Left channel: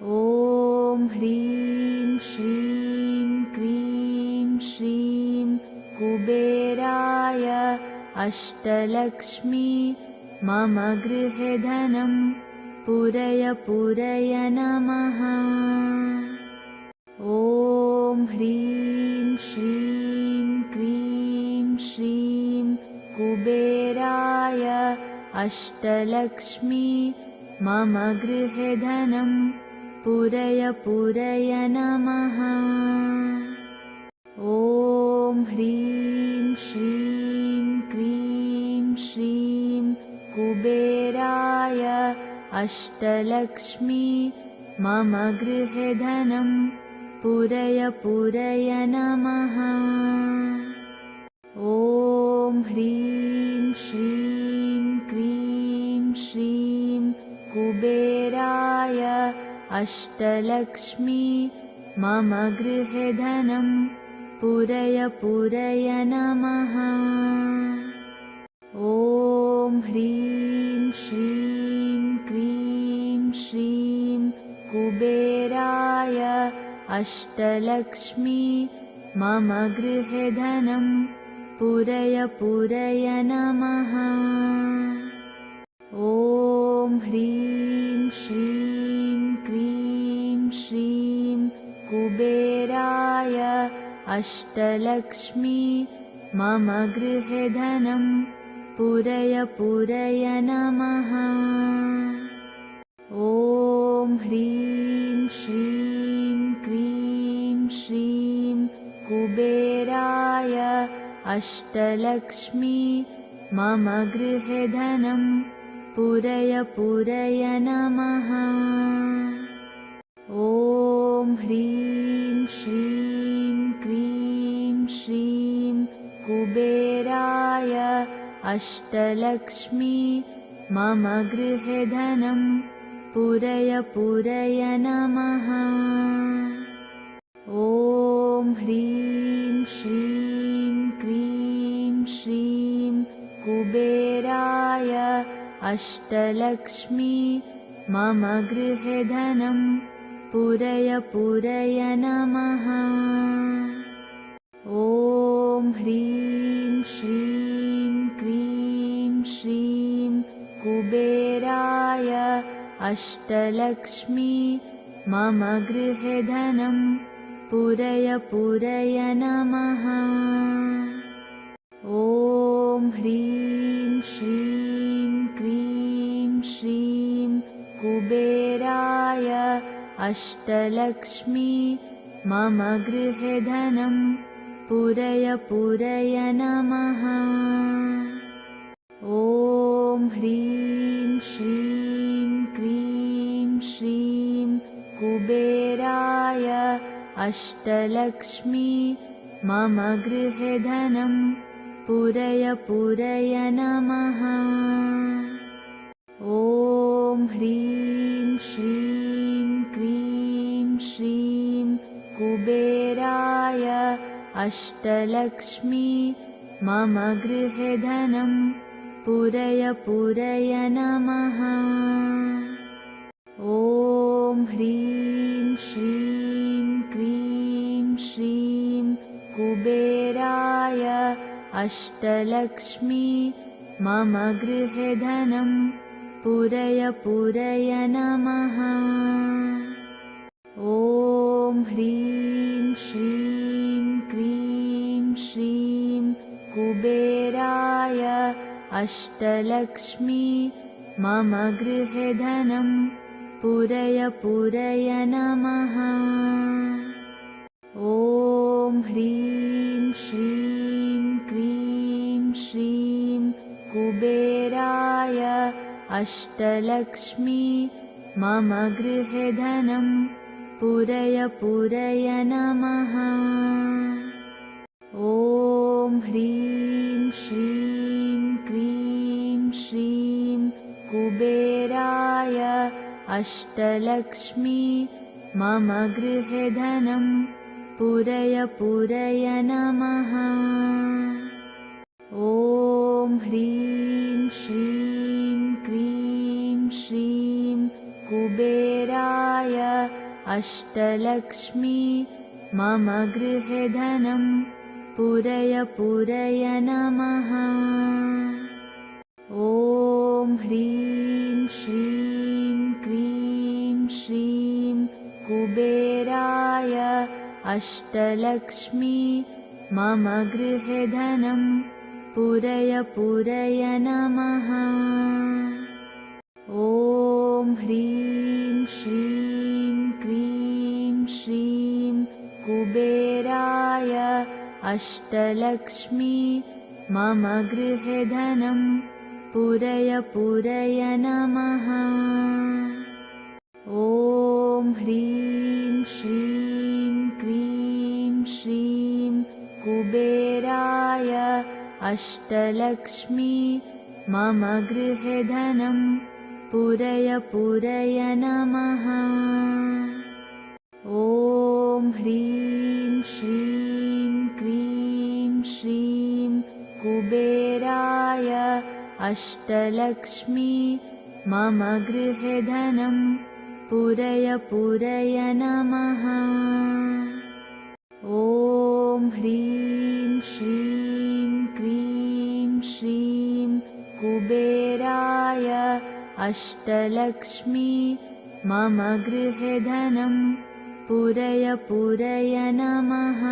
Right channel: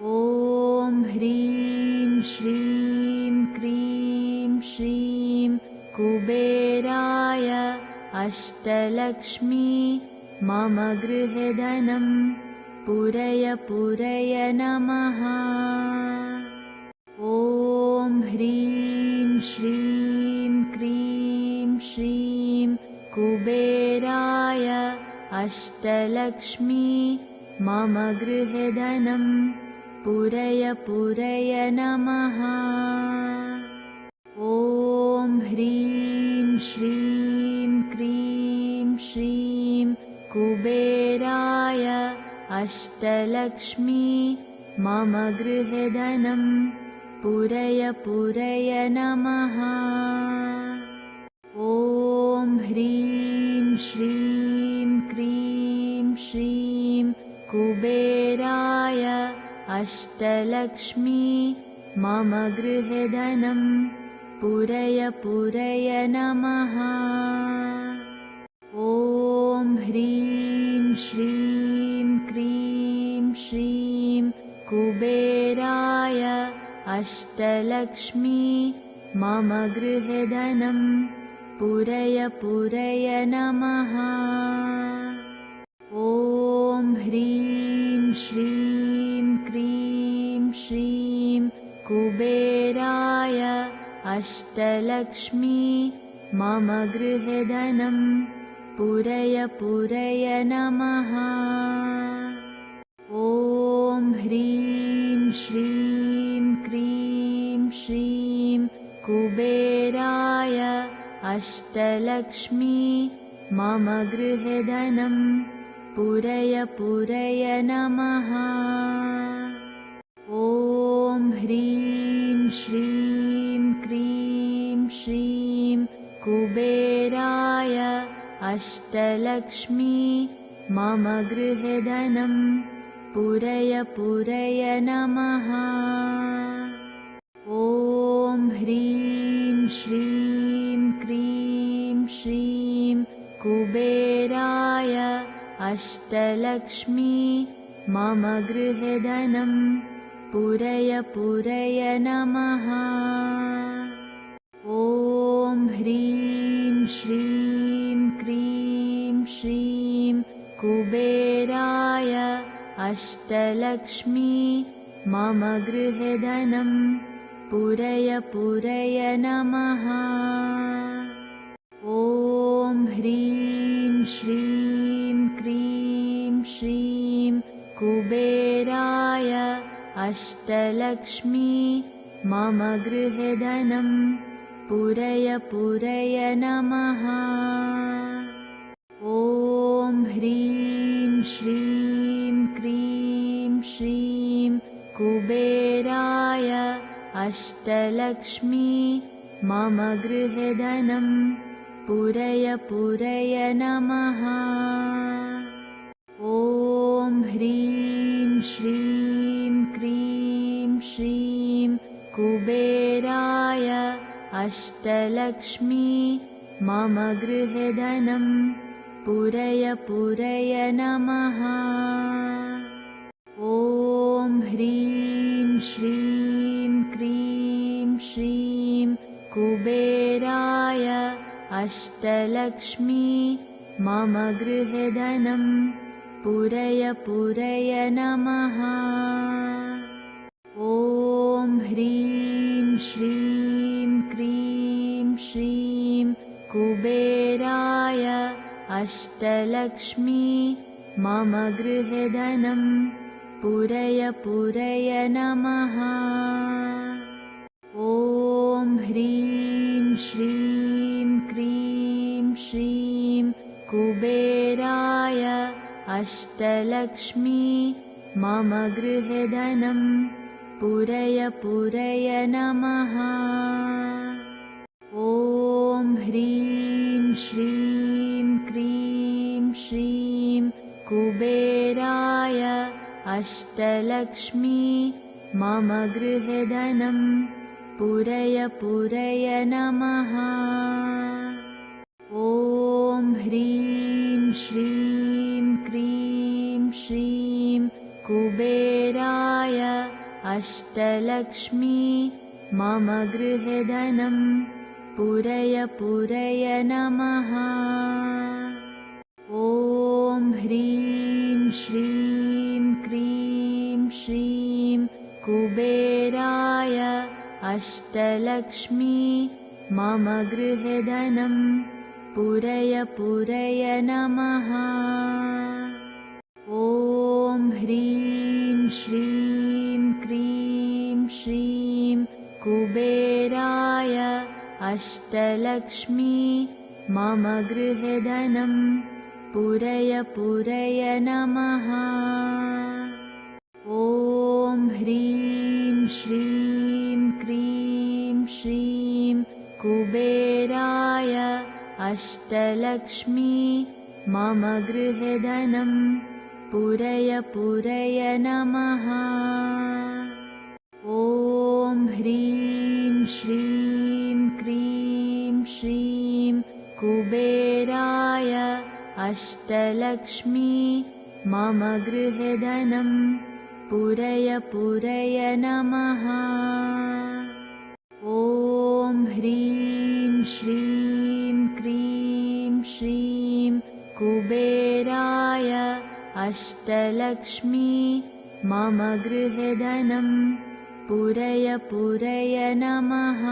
ॐ ह्रीं श्रीं क्रीं श्रीं कुबेराय अष्टलक्ष्मी मम गृहे धनं पूरय पूरय नमः। ॐ ह्रीं श्रीं क्रीं श्रीं कुबेराय अष्टलक्ष्मी मम गृहे धनं पूरय पूरय नमः। ॐ ह्रीं श्रीं क्रीं श्रीं कुबेराय अष्टलक्ष्मी मम गृहे धनं पूरय पूरय नमः। ॐ ह्रीं श्रीं क्रीं श्रीं कुबेराय अष्टलक्ष्मी मम गृहे धनं पूरय पूरय नमः। ॐ ह्रीं श्रीं क्रीं श्रीं कुबेराय अष्टलक्ष्मी मम गृहे धनं पूरय पूरय नमः। ॐ ह्रीं श्रीं क्रीं श्रीं कुबेराय अष्टलक्ष्मी मम गृहे धनं पूरय पूरय नमः। ॐ ह्रीं श्रीं क्रीं श्रीं कुबेराय अष्टलक्ष्मी मम गृहे धनं पूरय पूरय नमः। ॐ ह्रीं श्रीं क्रीं श्रीं कुबेराय अष्टलक्ष्मी मम गृहे धनं पूरय पूरय नमः। ॐ ह्रीं श्रीं क्रीं श्रीं कुबेराय अष्टलक्ष्मी मम गृहे धनं पूरय पूरय नमः। ॐ ह्रीं श्रीं क्रीं श्रीं कुबेराय अष्टलक्ष्मी मम गृहे धनं पूरय पूरय नमः। ॐ ह्रीं श्रीं क्रीं श्रीं कुबेराय अष्टलक्ष्मी मम गृहे धनं पूरय पूरय नमः। ॐ ह्रीं श्रीं क्रीं श्रीं कुबेराय अष्टलक्ष्मी मम गृहे धनं पूरय पूरय नमः। ॐ ह्रीं श्रीं क्रीं श्रीं कुबेराय अष्टलक्ष्मी मम गृहे धनं पूरय पूरय नमः। ॐ ह्रीं श्रीं क्रीं श्रीं कुबेराय अष्टलक्ष्मी मम गृहे धनं पूरय पूरय नमः। ॐ ह्रीं श्रीं क्रीं श्रीं कुबेराय अष्टलक्ष्मी मम गृहे धनं पूरय पूरय नमः। ॐ ह्रीं श्रीं क्रीं श्रीं कुबेराय अष्टलक्ष्मी मम गृहे धनं पूरय पूरय नमः। ॐ ह्रीं श्रीं क्रीं श्रीं कुबेराय अष्टलक्ष्मी मम गृहे धनं पूरय पूरय नमः। ॐ ह्रीं श्रीं क्रीं श्रीं कुबेराय अष्टलक्ष्मी मम गृहे धनं पूरय पूरय नमः। ॐ ह्रीं श्रीं क्रीं श्रीं कुबेराय अष्टलक्ष्मी मम गृहे धनं पूरय पूरय नमः। ॐ ह्रीं श्रीं क्रीं श्रीं कुबेराय अष्टलक्ष्मी मम गृहे धनं पूरय पूरय नमः। ॐ ह्रीं श्रीं क्रीं श्रीं कुबेराय अष्टलक्ष्मी मम गृहे धनं पूरय पूरय नमः। ॐ ह्रीं श्रीं क्रीं श्रीं कुबेराय अष्टलक्ष्मी मम गृहे धनं पूरय पूरय नमः। ॐ ह्रीं श्रीं क्रीं श्रीं कुबेराय अष्टलक्ष्मी मम गृहे धनं पूरय पूरय नमः।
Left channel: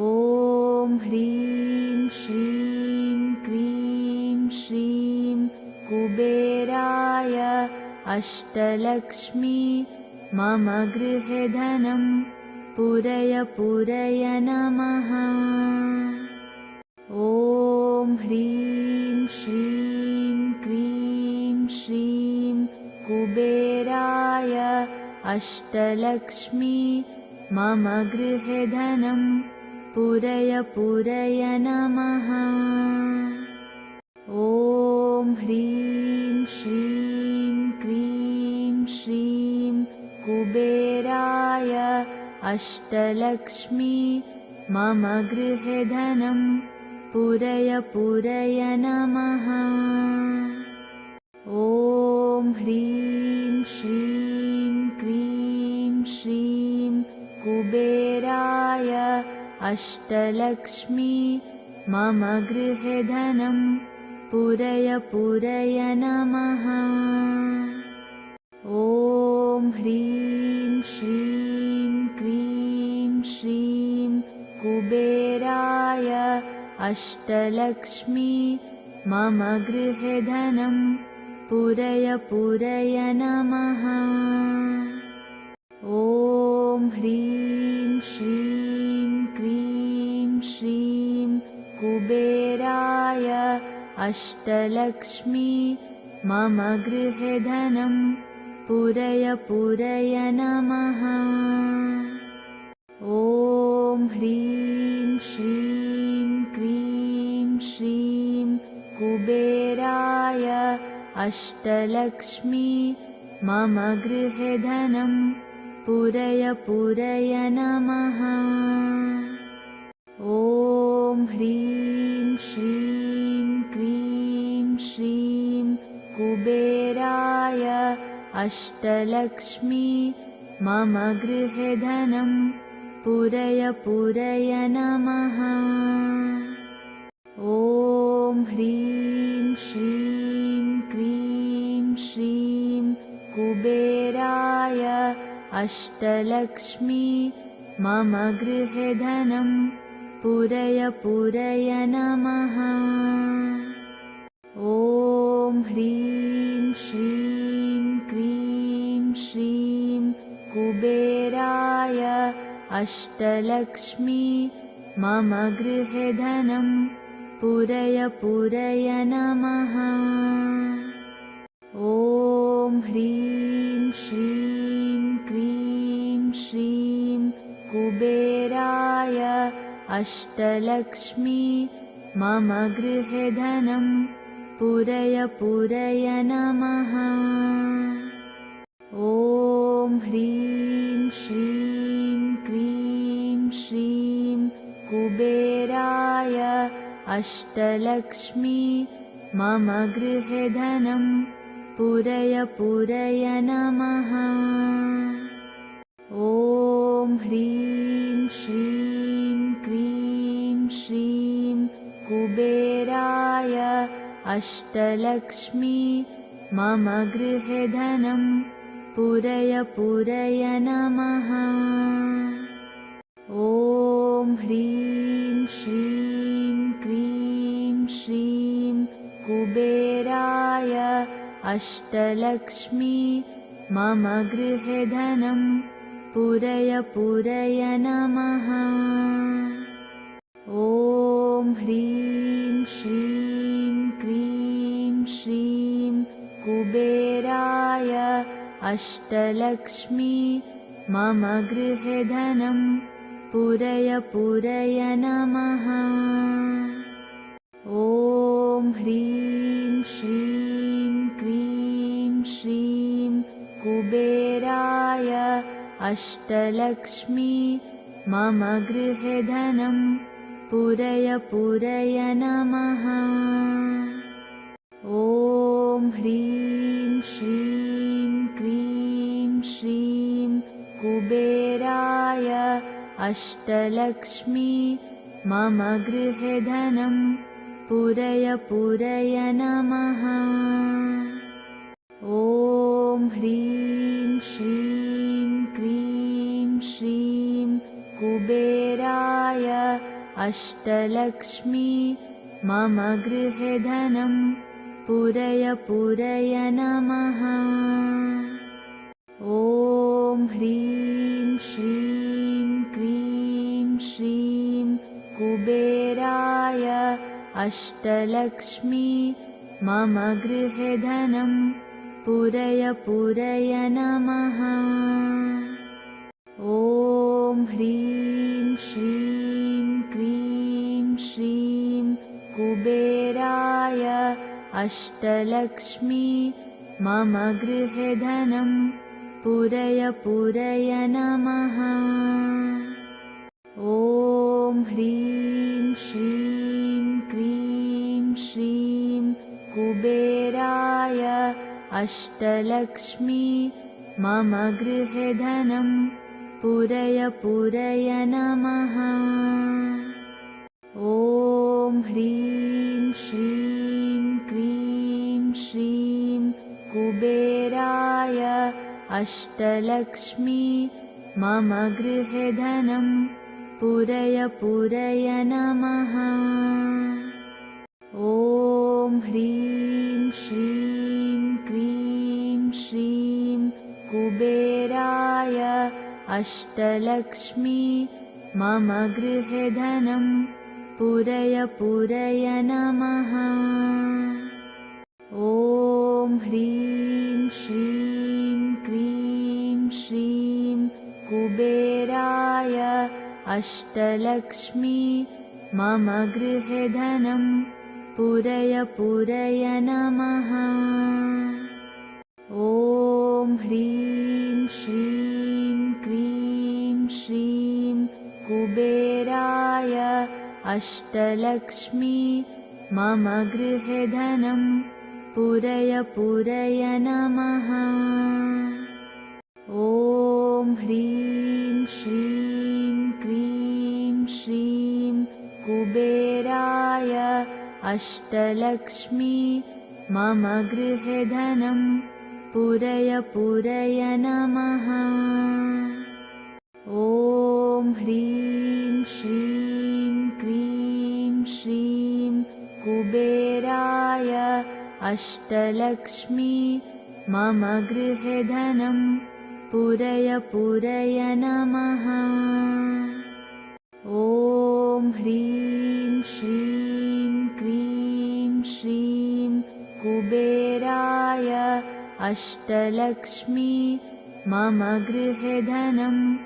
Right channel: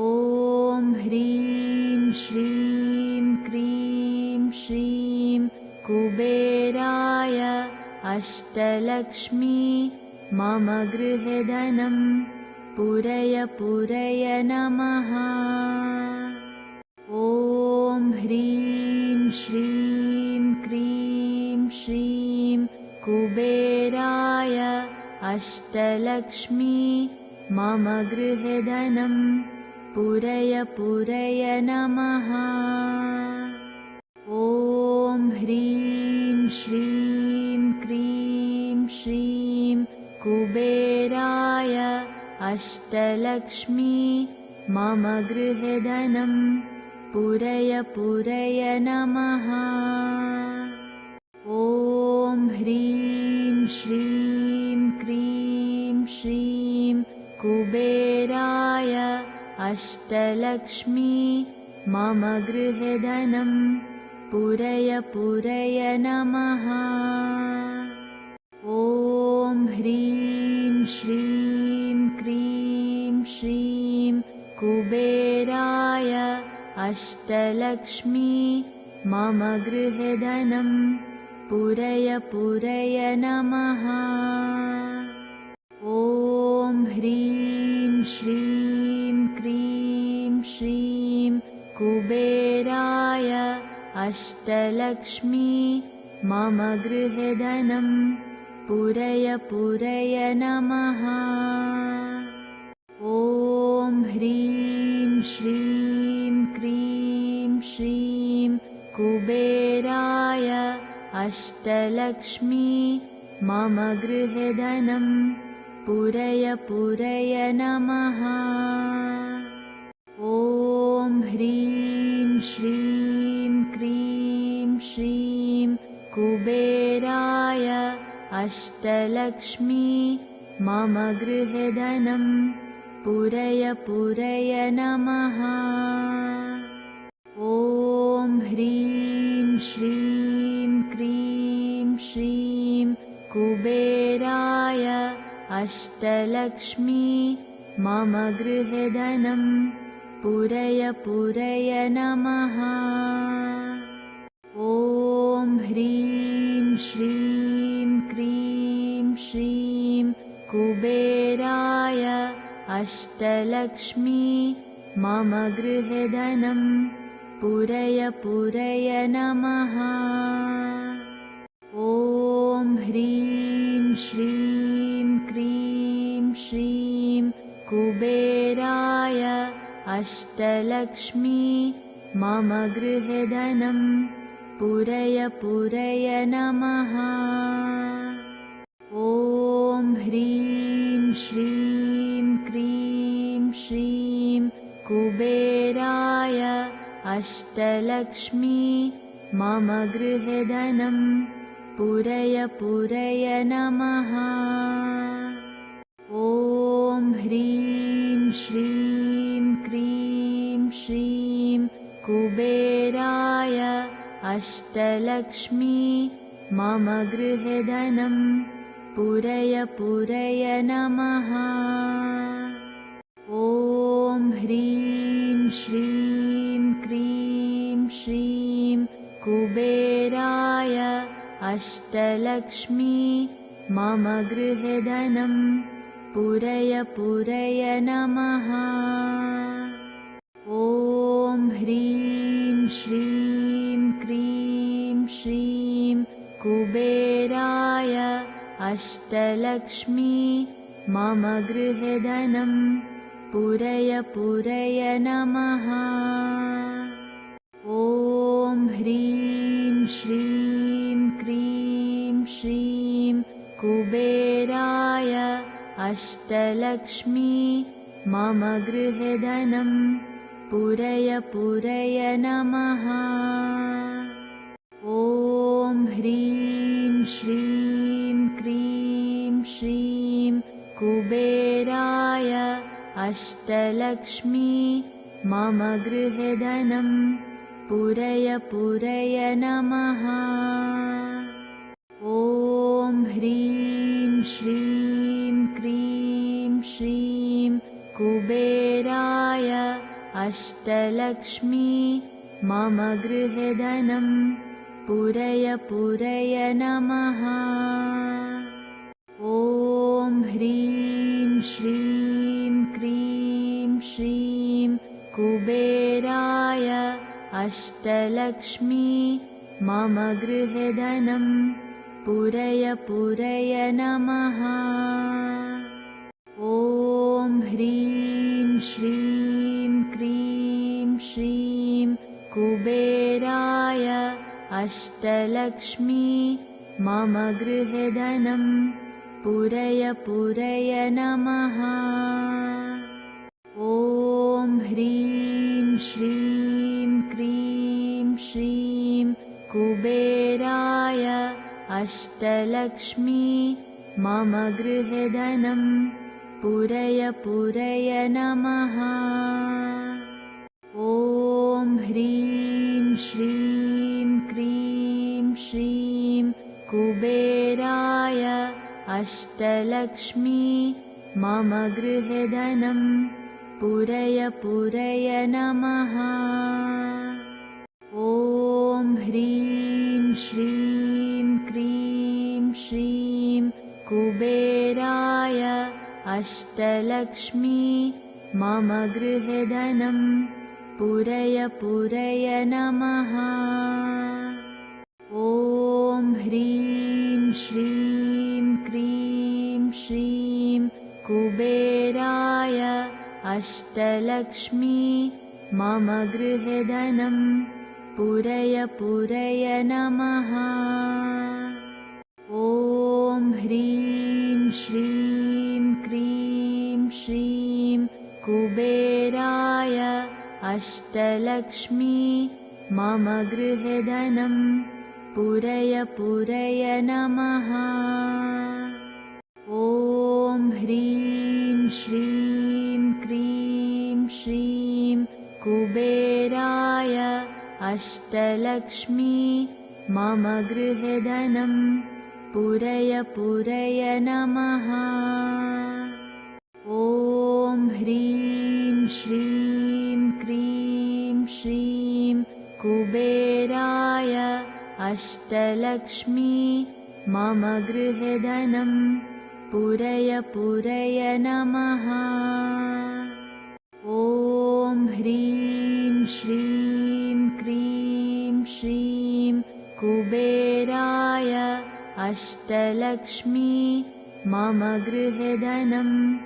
ॐ ह्रीं श्रीं क्रीं श्रीं कुबेराय अष्टलक्ष्मी मम गृहे धनं पूरय पूरय नमः। ॐ ह्रीं श्रीं क्रीं श्रीं कुबेराय अष्टलक्ष्मी मम गृहे धनं पूरय पूरय नमः। ॐ ह्रीं श्रीं क्रीं श्रीं कुबेराय अष्टलक्ष्मी मम गृहे धनं पूरय पूरय नमः। ॐ ह्रीं श्रीं क्रीं श्रीं कुबेराय अष्टलक्ष्मी मम गृहे धनं पूरय पूरय नमः। ॐ ह्रीं श्रीं क्रीं श्रीं कुबेराय अष्टलक्ष्मी मम गृहे धनं पूरय पूरय नमः। ॐ ह्रीं श्रीं क्रीं श्रीं कुबेराय अष्टलक्ष्मी मम गृहे धनं पूरय पूरय नमः। ॐ ह्रीं श्रीं क्रीं श्रीं कुबेराय अष्टलक्ष्मी मम गृहे धनं पूरय पूरय नमः। ॐ ह्रीं श्रीं क्रीं श्रीं कुबेराय अष्टलक्ष्मी मम गृहे धनं पूरय पूरय नमः। ॐ ह्रीं श्रीं क्रीं श्रीं कुबेराय अष्टलक्ष्मी मम गृहे धनं पूरय पूरय नमः। ॐ ह्रीं श्रीं क्रीं श्रीं कुबेराय अष्टलक्ष्मी मम गृहे धनं पूरय पूरय नमः। ॐ ह्रीं श्रीं क्रीं श्रीं कुबेराय अष्टलक्ष्मी मम गृहे धनं पूरय पूरय नमः। ॐ ह्रीं श्रीं क्रीं श्रीं कुबेराय अष्टलक्ष्मी मम गृहे धनं पूरय पूरय नमः। अष्टलक्ष्मी मम गृहे धनं पूरय पूरय नमः। ॐ ह्रीं श्रीं क्रीं श्रीं कुबेराय अष्टलक्ष्मी मम गृहे धनं पूरय पूरय नमः। ॐ ह्रीं श्रीं क्रीं श्रीं कुबेराय अष्टलक्ष्मी मम गृहे धनं पूरय पूरय नमः। ॐ ह्रीं श्रीं क्रीं श्रीं कुबेराय अष्टलक्ष्मी मम गृहे धनं पूरय पूरय नमः। ॐ ह्रीं श्रीं क्रीं श्रीं कुबेराय अष्टलक्ष्मी मम गृहे धनं पूरय पूरय नमः। ॐ ह्रीं श्रीं क्रीं श्रीं कुबेराय अष्टलक्ष्मी मम गृहे धनं पूरय पूरय नमः। ॐ ह्रीं श्रीं क्रीं श्रीं कुबेराय अष्टलक्ष्मी मम गृहे धनं पूरय पूरय नमः। ॐ ह्रीं श्रीं क्रीं श्रीं कुबेराय अष्टलक्ष्मी मम गृहे धनं पूरय पूरय नमः। ॐ ह्रीं श्रीं क्रीं श्रीं कुबेराय अष्टलक्ष्मी मम गृहे धनं पूरय पूरय नमः। ॐ ह्रीं श्रीं क्रीं श्रीं कुबेराय अष्टलक्ष्मी मम गृहे धनं पूरय पूरय नमः। ॐ ह्रीं श्रीं क्रीं श्रीं कुबेराय अष्टलक्ष्मी मम गृहे धनं पूरय पूरय नमः। ॐ ह्रीं श्रीं क्रीं श्रीं कुबेराय अष्टलक्ष्मी मम गृहे धनं पूरय पूरय नमः। ॐ ह्रीं श्रीं क्रीं श्रीं कुबेराय अष्टलक्ष्मी मम गृहे धनं पूरय पूरय नमः। ॐ ह्रीं श्रीं क्रीं श्रीं कुबेराय अष्टलक्ष्मी मम गृहे धनं पूरय पूरय नमः। ॐ ह्रीं श्रीं क्रीं श्रीं कुबेराय अष्टलक्ष्मी मम गृहे धनं पूरय पूरय नमः। ॐ ह्रीं श्रीं क्रीं श्रीं कुबेराय अष्टलक्ष्मी मम गृहे धनं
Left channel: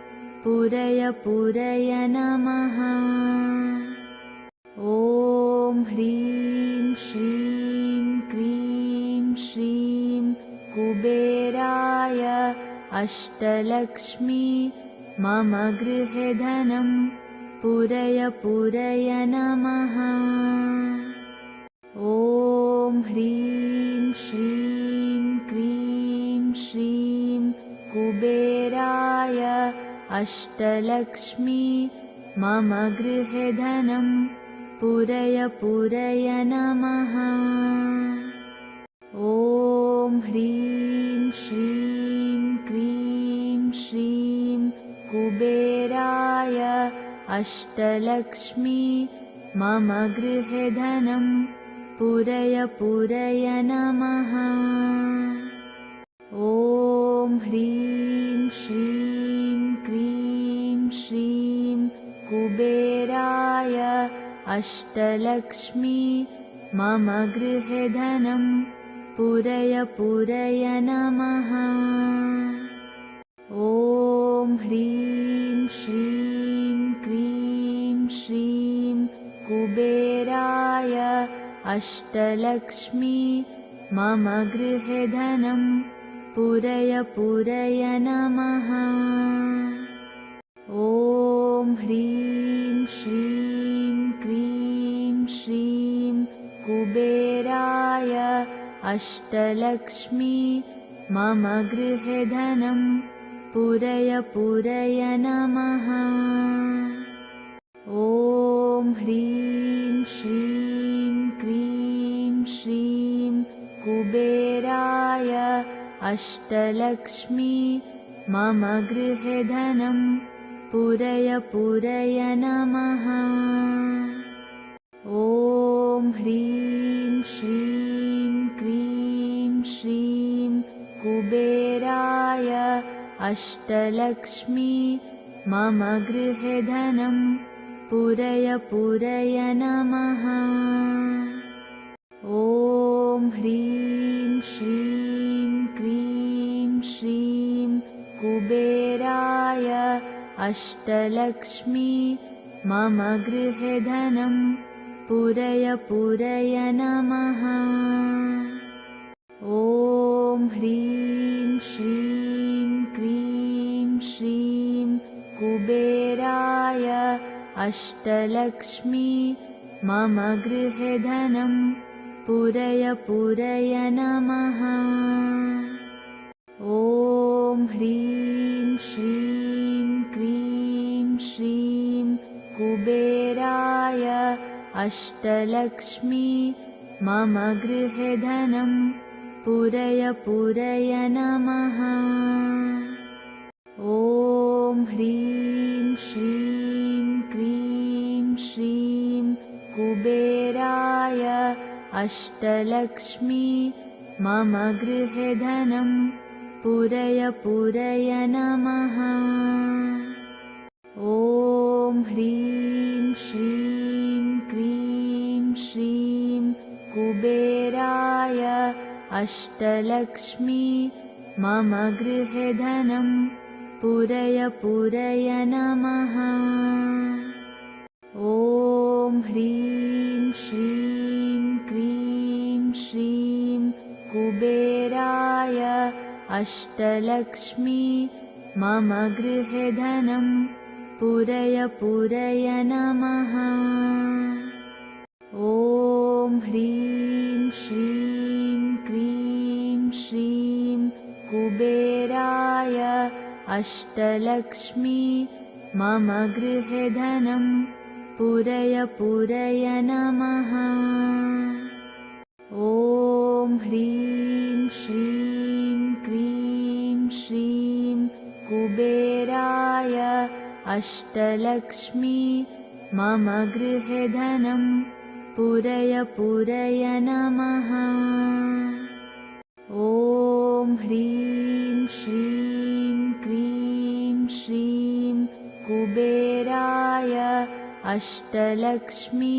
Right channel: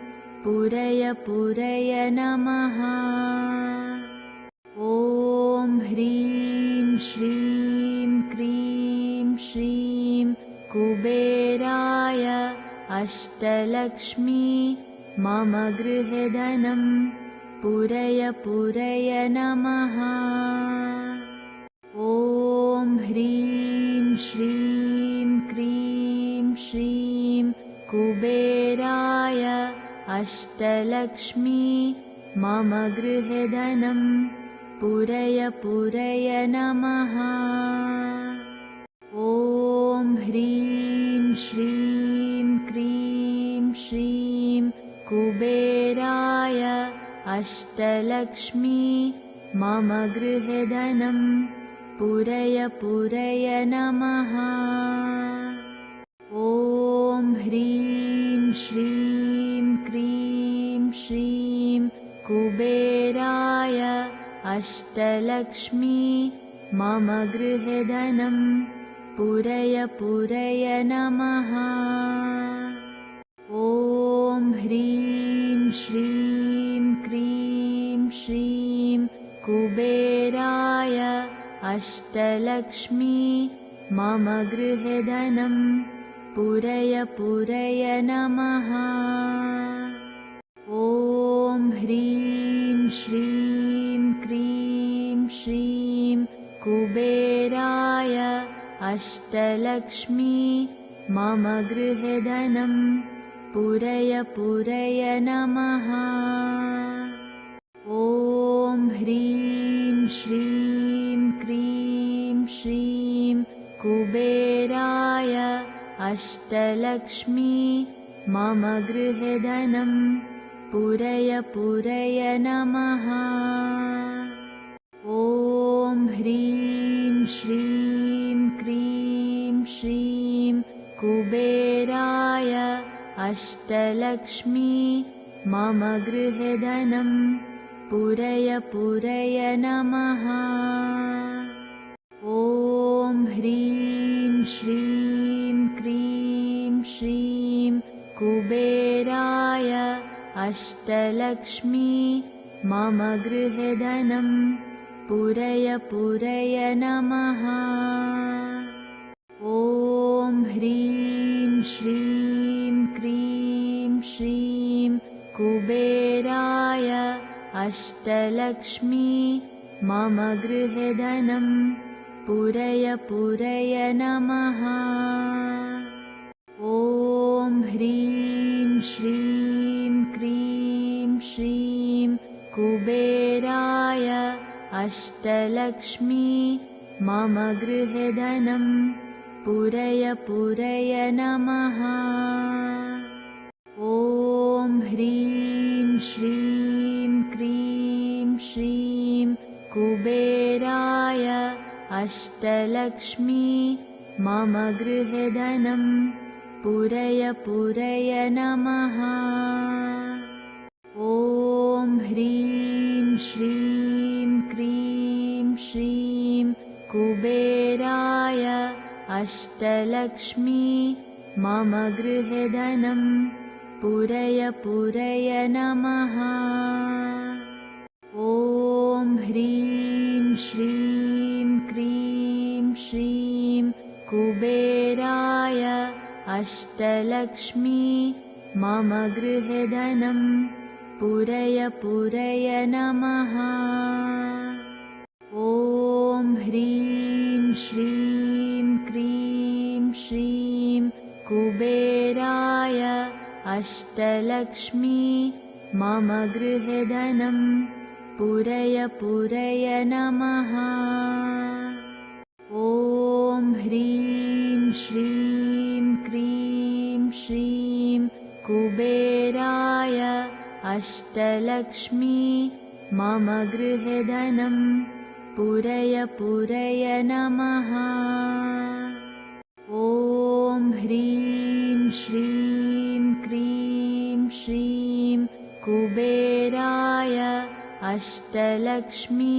पूरय पूरय नमः। ॐ ह्रीं श्रीं क्रीं श्रीं कुबेराय अष्टलक्ष्मी मम गृहे धनं पूरय पूरय नमः। ॐ ह्रीं श्रीं क्रीं श्रीं कुबेराय अष्टलक्ष्मी मम गृहे धनं पूरय पूरय नमः। ॐ ह्रीं श्रीं क्रीं श्रीं कुबेराय अष्टलक्ष्मी मम गृहे धनं पूरय पूरय नमः। ॐ ह्रीं श्रीं क्रीं श्रीं कुबेराय अष्टलक्ष्मी मम गृहे धनं पूरय पूरय नमः। ॐ ह्रीं श्रीं क्रीं श्रीं कुबेराय अष्टलक्ष्मी मम गृहे धनं पूरय पूरय नमः। ॐ ह्रीं श्रीं क्रीं श्रीं कुबेराय अष्टलक्ष्मी मम गृहे धनं पूरय पूरय नमः। ॐ ह्रीं श्रीं क्रीं श्रीं कुबेराय अष्टलक्ष्मी मम गृहे धनं पूरय पूरय नमः। ॐ ह्रीं श्रीं क्रीं श्रीं कुबेराय अष्टलक्ष्मी मम गृहे धनं पूरय पूरय नमः। ॐ ह्रीं श्रीं क्रीं श्रीं कुबेराय अष्टलक्ष्मी मम गृहे धनं पूरय पूरय नमः। ॐ ह्रीं श्रीं क्रीं श्रीं कुबेराय अष्टलक्ष्मी मम गृहे धनं पूरय पूरय नमः। ॐ ह्रीं श्रीं क्रीं श्रीं कुबेराय अष्टलक्ष्मी मम गृहे धनं पूरय पूरय नमः। ॐ ह्रीं श्रीं क्रीं श्रीं कुबेराय अष्टलक्ष्मी मम गृहे धनं पूरय पूरय नमः। ॐ ह्रीं श्रीं क्रीं श्रीं कुबेराय अष्टलक्ष्मी मम गृहे धनं पूरय पूरय नमः। ॐ ह्रीं श्रीं क्रीं श्रीं कुबेराय अष्टलक्ष्मी मम गृहे धनं पूरय पूरय नमः। ॐ ह्रीं श्रीं क्रीं श्रीं कुबेराय अष्टलक्ष्मी मम गृहे धनं पूरय पूरय नमः। ॐ ह्रीं श्रीं क्रीं श्रीं कुबेराय अष्टलक्ष्मी मम गृहे धनं पूरय पूरय नमः। ॐ ह्रीं श्रीं क्रीं श्रीं कुबेराय अष्टलक्ष्मी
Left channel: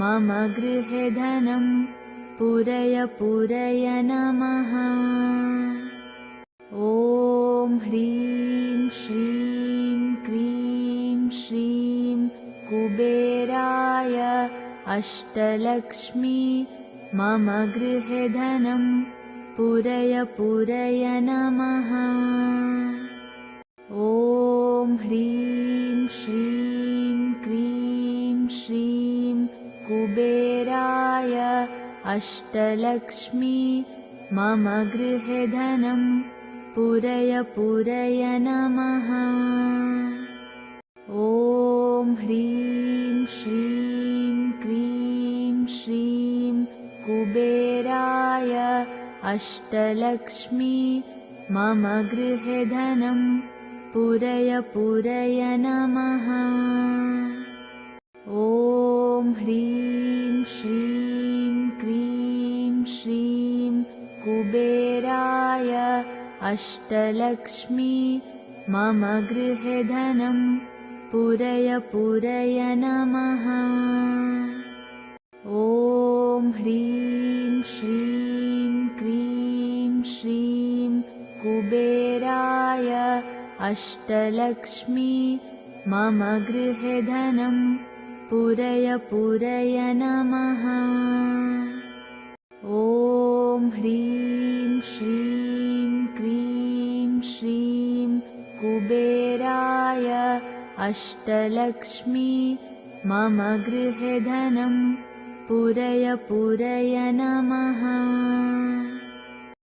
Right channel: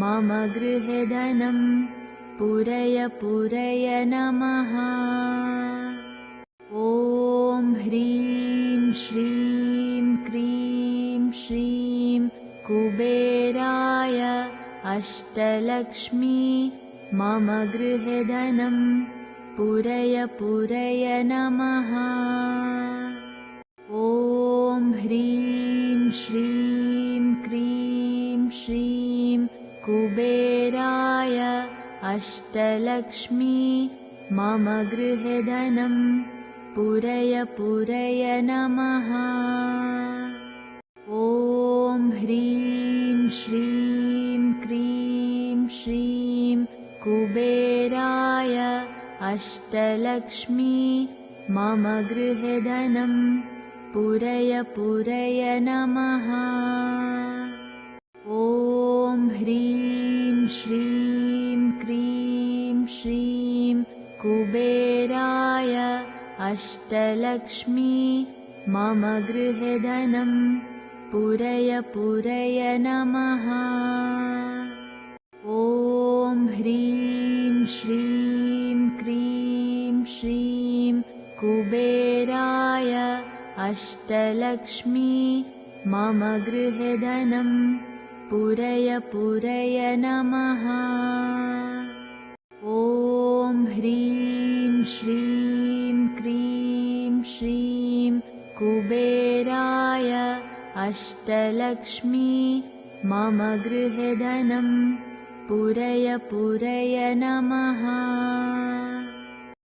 मम गृहे धनं पूरय पूरय नमः। ॐ ह्रीं श्रीं क्रीं श्रीं कुबेराय अष्टलक्ष्मी मम गृहे धनं पूरय पूरय नमः। ॐ ह्रीं श्रीं क्रीं श्रीं कुबेराय अष्टलक्ष्मी मम गृहे धनं पूरय पूरय नमः। ॐ ह्रीं श्रीं क्रीं श्रीं कुबेराय अष्टलक्ष्मी मम गृहे धनं पूरय पूरय नमः। ॐ ह्रीं श्रीं क्रीं श्रीं कुबेराय अष्टलक्ष्मी मम गृहे धनं पूरय पूरय नमः। ॐ ह्रीं श्रीं क्रीं श्रीं कुबेराय अष्टलक्ष्मी मम गृहे धनं पूरय पूरय नमः। ॐ ह्रीं श्रीं क्रीं श्रीं कुबेराय अष्टलक्ष्मी मम गृहे धनं पूरय पूरय नमः।